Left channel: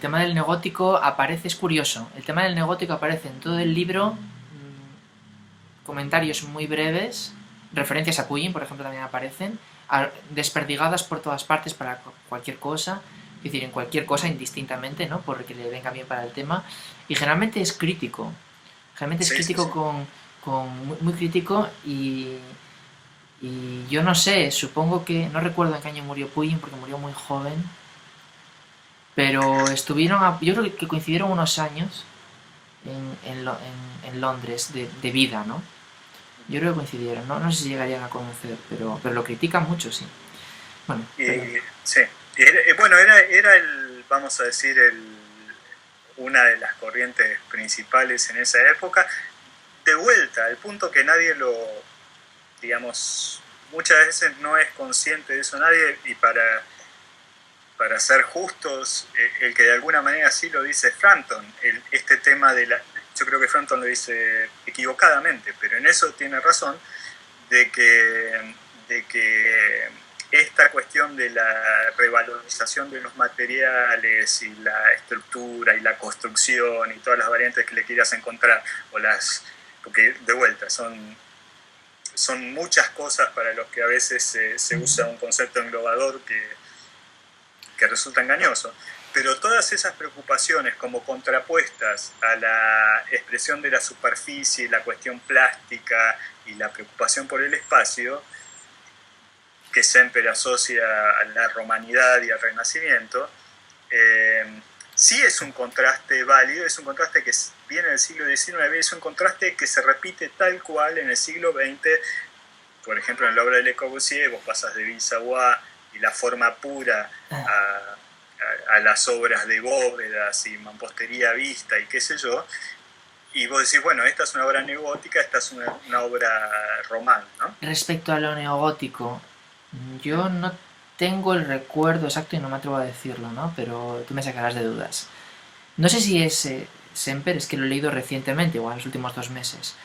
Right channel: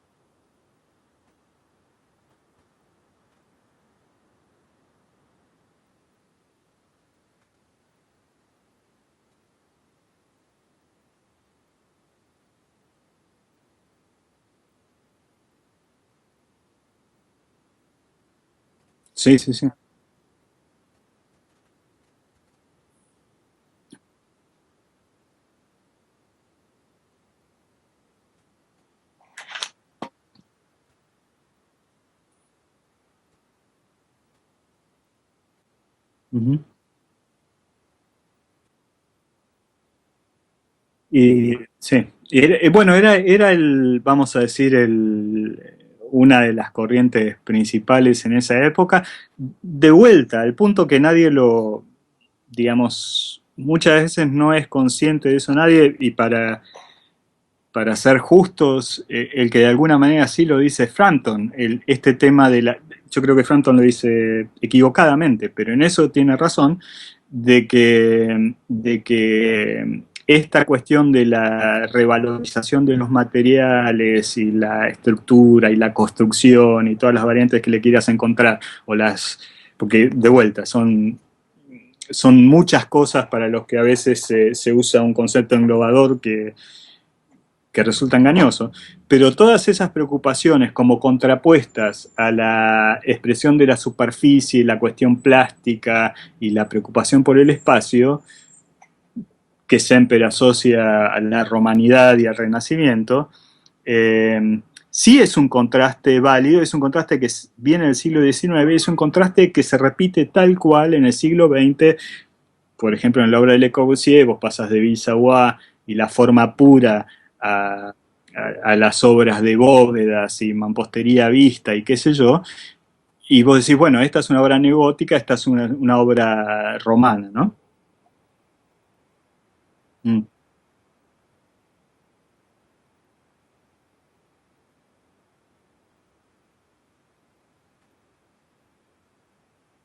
tema del neogótico aparece, es curioso, el tema del neogótico aparece en todo el libro, comentarios muy breves, referencias a Puyin, por ejemplo, también aparecen, desperdigadas por todas partes para cualquier cosa, es decir, en cualquier cosa indistintamente, ¿no? Porque le venga bien para el tema, y generalmente es Sí, sí, crítico sí. muy, muy crítico y yo no sé, supongo que, no recuerdo en qué año murió Puyin porque murió muy joven, pero yo creo que coincidieron unos años en Londres de vida, ¿no? Yo Ujú. creo que coincidieron, ¿no? No sé si llegarían a conocer, pero lo critican mucho, sí. Bueno, Y sí, bueno, era vamos a decir, una de las corrientes principales en esa época. De vuelta, al punto que nadie lo, digamos, muchas veces no es consciente de eso nadie, y para ser justos, el que de alguna manera sí lo dice Frampton, este tema yo creo que Frampton lo dice equivocadamente, pero en eso tiene razón, de que esta cuestión de la revalorización de los materiales y la estructura y la construcción y todas las variantes que le quieras encontrar, porque de vuelta son muchas cosas para los que a veces se usa un concepto englobador que resulta engañoso, pero todas esas preocupaciones como contrapuestas a la expresión de la superficie, la cuestión plástica y la preocupación por el espacio, que Semper asocia a la romanidad y al Renacimiento, sí es un contraste válido, es un contraste que viene del siglo XIX, es un contraste que se repite tal cual en el siglo XX. Por ejemplo, en la obra de Le Corbusier vos pasas de Savoie y la forma pura a, a las obras de bóvedas y mampostería vista y qué sé yo, y vos decís, bueno, esta es una obra neogótica, esta es una obra romana, ¿no? respecto a lo neogótico, Mm. yo no tengo el recuerdo exacto y no me atrevo a decirlo, ¿no? Pero tú me sacarás de dudas. No sé si es Semper, es que lo he leído recientemente, o en los últimos 2 meses.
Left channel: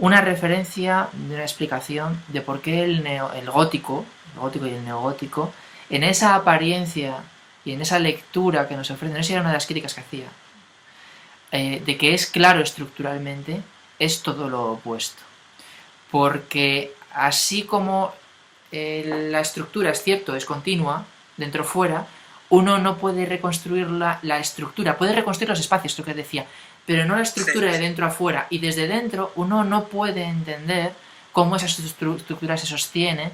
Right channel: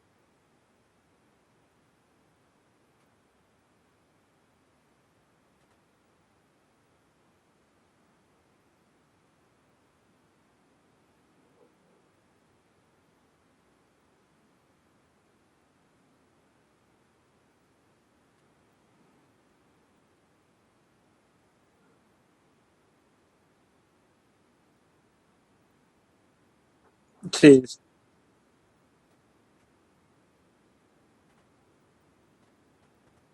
Una referencia de una explicación de por qué el gótico y el neogótico, en esa apariencia y en esa lectura que nos ofrece, no sé si era una de las críticas que hacía, de que es claro estructuralmente, es todo lo opuesto. Porque así como la estructura es cierto, es continua, dentro fuera, uno no puede reconstruir la estructura, puede reconstruir los espacios, lo que decía, pero no la Sí, estructura de dentro a fuera. Y desde dentro uno no puede entender cómo esa estructura se sostiene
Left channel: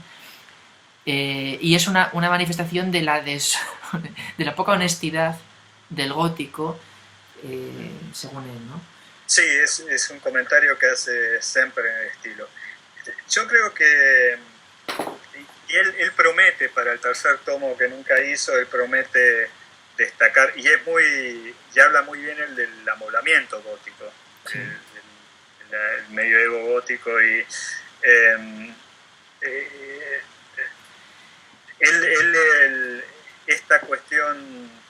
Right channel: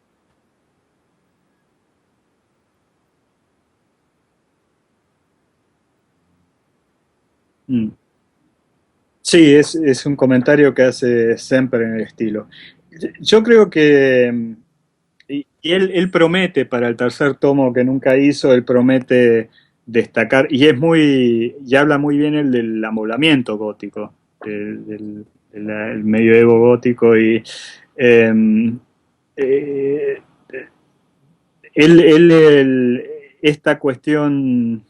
y es una manifestación de de la poca honestidad del gótico, mm. según él, ¿no? Sí, es un comentario que hace Semper en el estilo. Yo creo que, y él promete para el tercer tomo que nunca hizo, él promete destacar, y habla muy bien el del amoblamiento gótico, Sí. el medioevo gótico, y eh, eh, esta cuestión,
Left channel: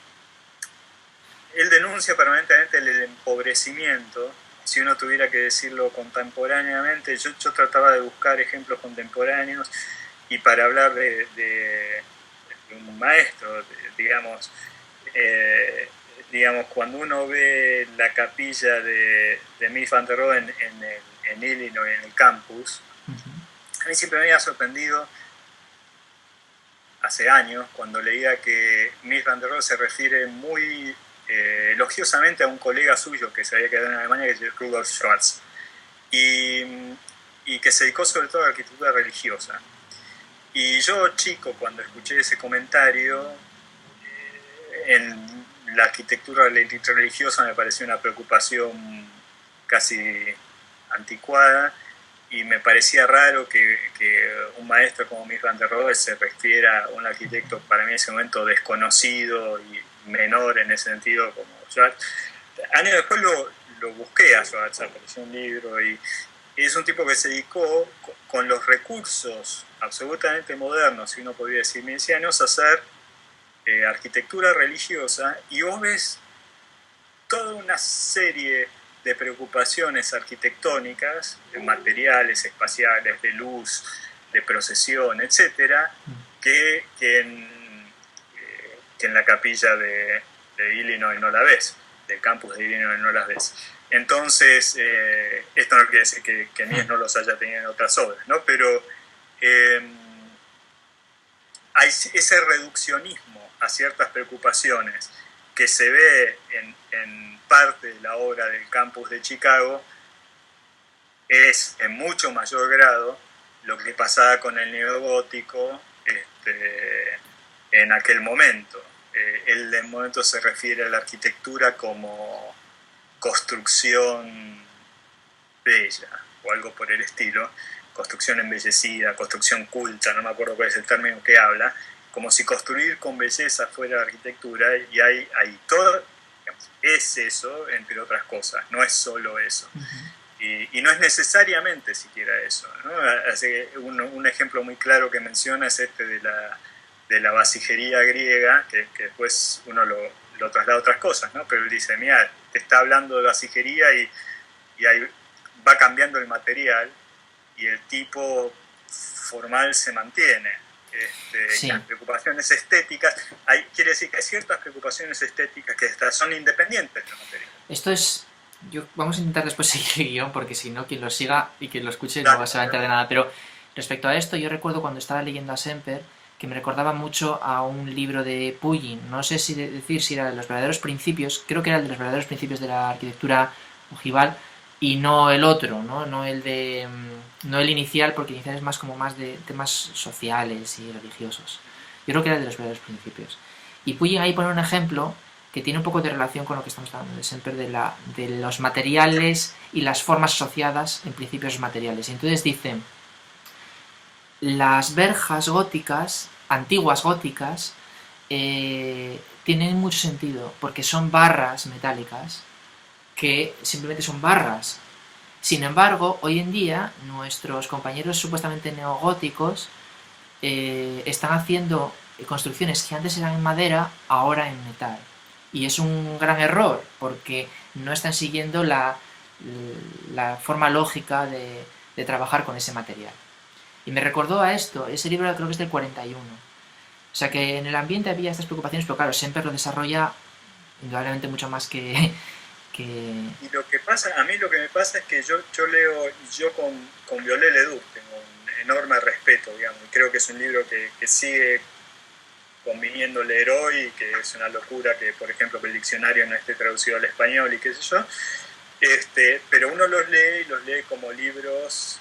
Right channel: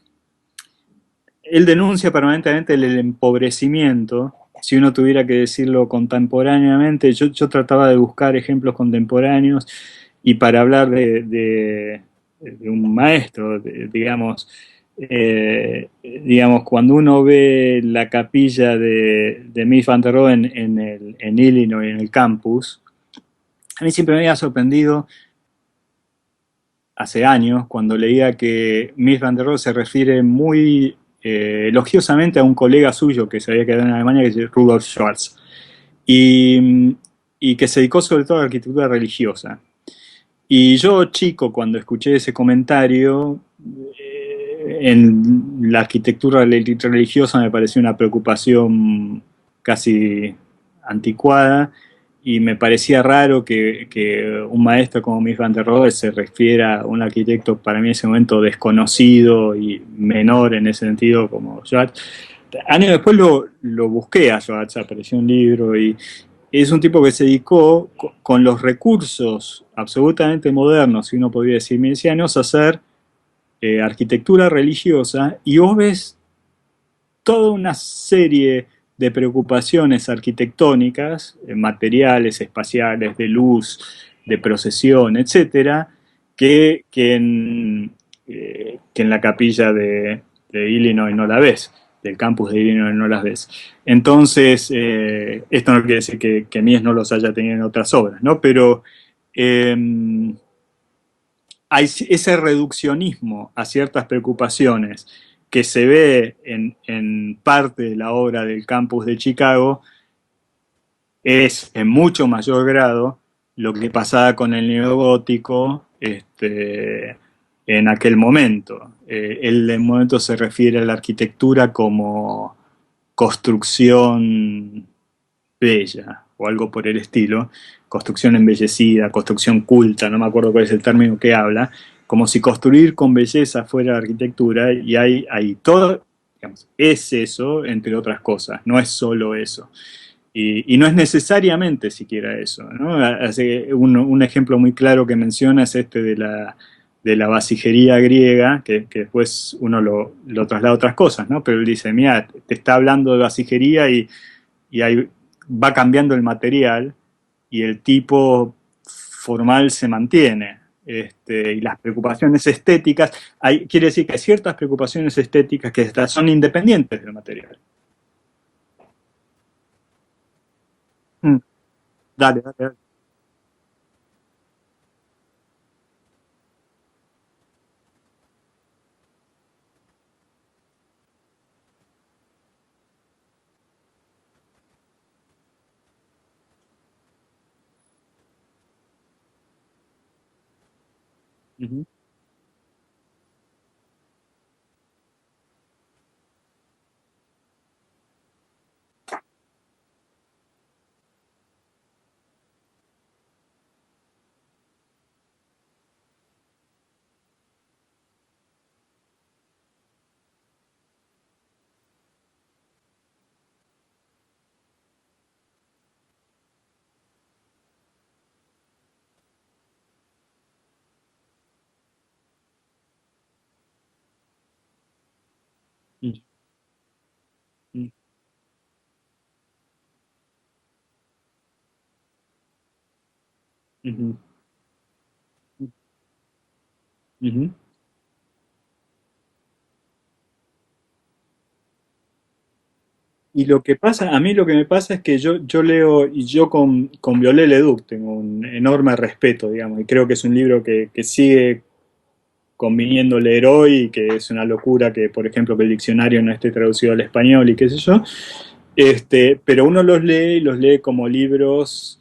él denuncia permanentemente el empobrecimiento. Si uno tuviera que decirlo contemporáneamente, yo trataba de buscar ejemplos contemporáneos, y para hablar de un maestro, digamos, cuando uno ve la capilla de Mies van der Rohe en Illinois, en el campus, a mí siempre me había sorprendido hace años cuando leía que Mies van der Rohe se refiere muy elogiosamente a un colega suyo que se había quedado en Alemania, que es Rudolf Schwarz, y, y que se dedicó sobre todo a la arquitectura religiosa. Y yo, chico, cuando escuché ese comentario, en la arquitectura religiosa me pareció una preocupación casi anticuada, y me parecía raro que un maestro como Mies van der Rohe se refiera a un arquitecto para mí en ese momento desconocido y menor en ese sentido como Schwartz. Años después lo busqué a Schwartz, apareció un libro, y es un tipo que se dedicó con los recursos absolutamente modernos, si uno podría decir milicianos, a hacer arquitectura religiosa, y vos ves toda una serie de preocupaciones arquitectónicas, materiales, espaciales, de luz, de procesión, etcétera, que en la capilla de Illinois no la ves, del campus de Illinois no las ves. Entonces, esto no quiere decir que Mies no los haya tenido en otras obras, ¿no? Pero eh, hay ese reduccionismo a ciertas preocupaciones que se ve en parte de la obra del campus de Chicago, es en mucho mayor grado lo que pasaba con el neogótico en aquel momento. Él en momento se refiere a la arquitectura como construcción bella o algo por el estilo, construcción embellecida, construcción culta, no me acuerdo cuál es el término que habla, como si construir con belleza fuera arquitectura, y hay todo, es eso, entre otras cosas, no es solo eso. Y no es necesariamente siquiera eso, ¿no? Un ejemplo muy claro que menciona es de la vasijería griega, que después uno lo traslada a otras cosas, ¿no? Pero él dice, mira, te está hablando de vasijería y va cambiando el material y el tipo formal se mantiene. Y Sí, las preocupaciones estéticas, quiere decir que hay ciertas preocupaciones estéticas que son independientes del material. esto es... vamos a intentar después seguir el guión, porque si no, quien lo Mm, siga y quien lo escuche no dale, va a enterar de nada. Pero respecto a esto, yo recuerdo cuando estaba leyendo a Semper que me recordaba mucho a un libro de Puyin. No sé si decir si era de los verdaderos principios, creo que era el de los verdaderos principios de la arquitectura ojival, y no el otro, ¿no? No el de no el inicial, porque el inicial es más como más de temas sociales y religiosos. uh -huh. Yo creo que era el de los verdaderos principios. Y Puyin ahí pone un ejemplo que tiene un poco de relación con lo que estamos hablando de Semper, de los materiales y las formas asociadas en principios materiales. Y entonces dice, las verjas góticas, antiguas góticas, tienen mucho sentido, porque son barras metálicas que simplemente son barras. Sin embargo, hoy en día, nuestros compañeros supuestamente neogóticos están haciendo construcciones que antes eran en madera, ahora en metal. Y es un gran error, porque no están siguiendo la forma lógica de trabajar con ese material. Y me recordó a esto, ese libro creo que es del 41. O sea que en el ambiente había estas preocupaciones, pero claro, Semper lo desarrolla indudablemente mucho más que... Y lo que pasa, a mí lo que me pasa es que yo leo, y yo con Viollet-le-Duc tengo un enorme respeto, digamos, y creo que es un libro que sigue conviniendo leer hoy, y que es una locura que, por ejemplo, que el diccionario no esté traducido al español y qué sé yo, pero uno los lee como libros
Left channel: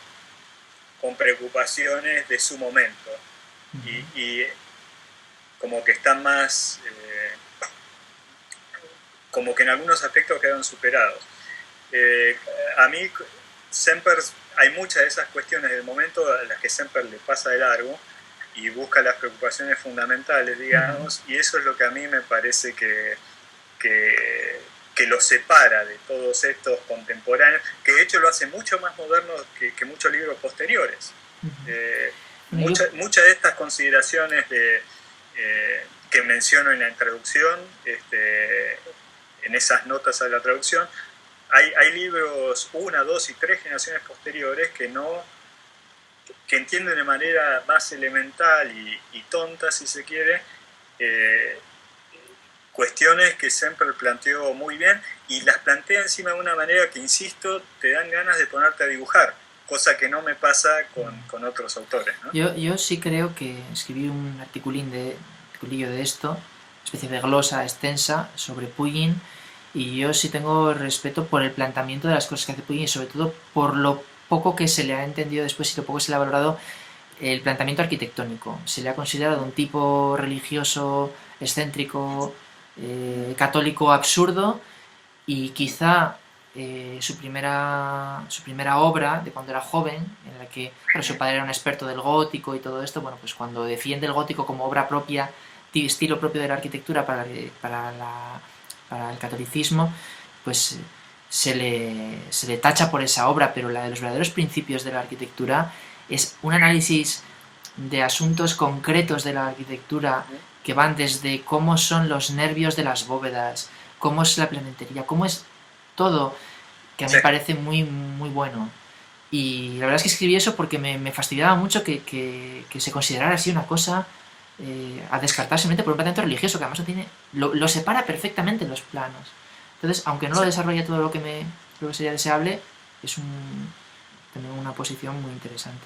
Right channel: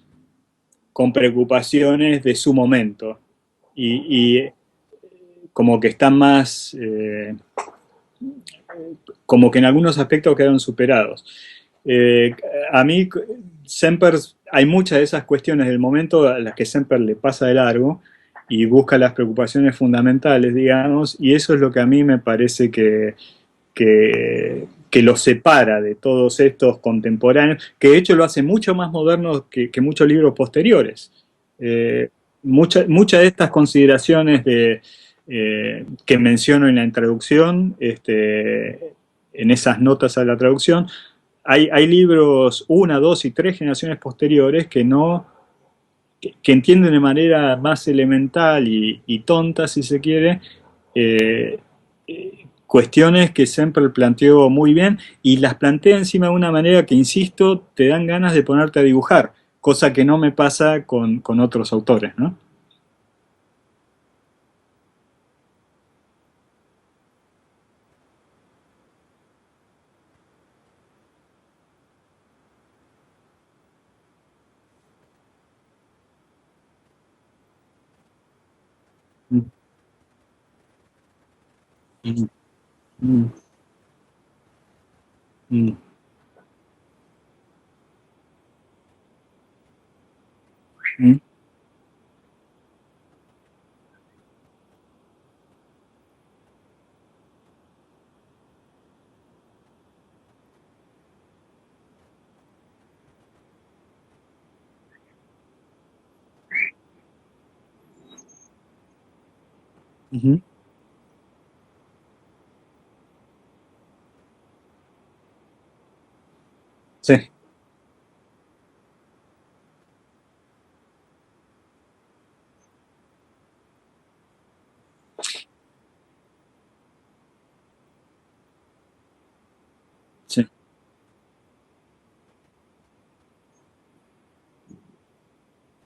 con preocupaciones de su momento, y como que están más... como que en algunos aspectos quedaron superados. Eh, a mí, Semper, hay muchas de esas cuestiones del momento a las que Semper le pasa de largo y busca las preocupaciones fundamentales, digamos, y eso es lo que a mí me parece que los separa de todos estos contemporáneos, que de hecho lo hace mucho más moderno que muchos libros posteriores. Muchas de estas consideraciones que menciono en la introducción, en esas notas a la traducción, hay libros una, dos y tres generaciones posteriores que entienden de manera más elemental y tonta, si se quiere, eh, cuestiones que siempre planteó muy bien, y las plantea encima de una manera que, insisto, te dan ganas de ponerte a dibujar, cosa que no me pasa con otros autores, ¿no? Yo sí creo que escribí un articulillo de esto, una especie de glosa extensa sobre Puyin, y yo sí tengo respeto por el planteamiento de las cosas que hace Puyin, y sobre todo por lo poco que se le ha entendido después y lo poco que se le ha valorado el planteamiento arquitectónico. Se le ha considerado un tipo religioso, excéntrico, católico absurdo, y quizá su primera obra de cuando era joven, en la que bueno, su padre era un experto del gótico y todo esto, bueno, pues cuando defiende el gótico como obra propia, estilo propio de la arquitectura para el catolicismo, pues se le tacha por esa obra, pero la de los verdaderos principios de la arquitectura es un análisis de asuntos concretos de la arquitectura que van desde cómo son los nervios de las bóvedas, cómo es la plementería, cómo es todo, que a mí Sí. me parece muy, muy bueno. Y la verdad es que escribí eso porque me fastidiaba mucho que se considerara así una cosa a descartar simplemente por un planteamiento religioso, que además lo separa perfectamente en los planos. Entonces, aunque no lo Sí. desarrolla todo lo que sería deseable, es también una posición muy interesante.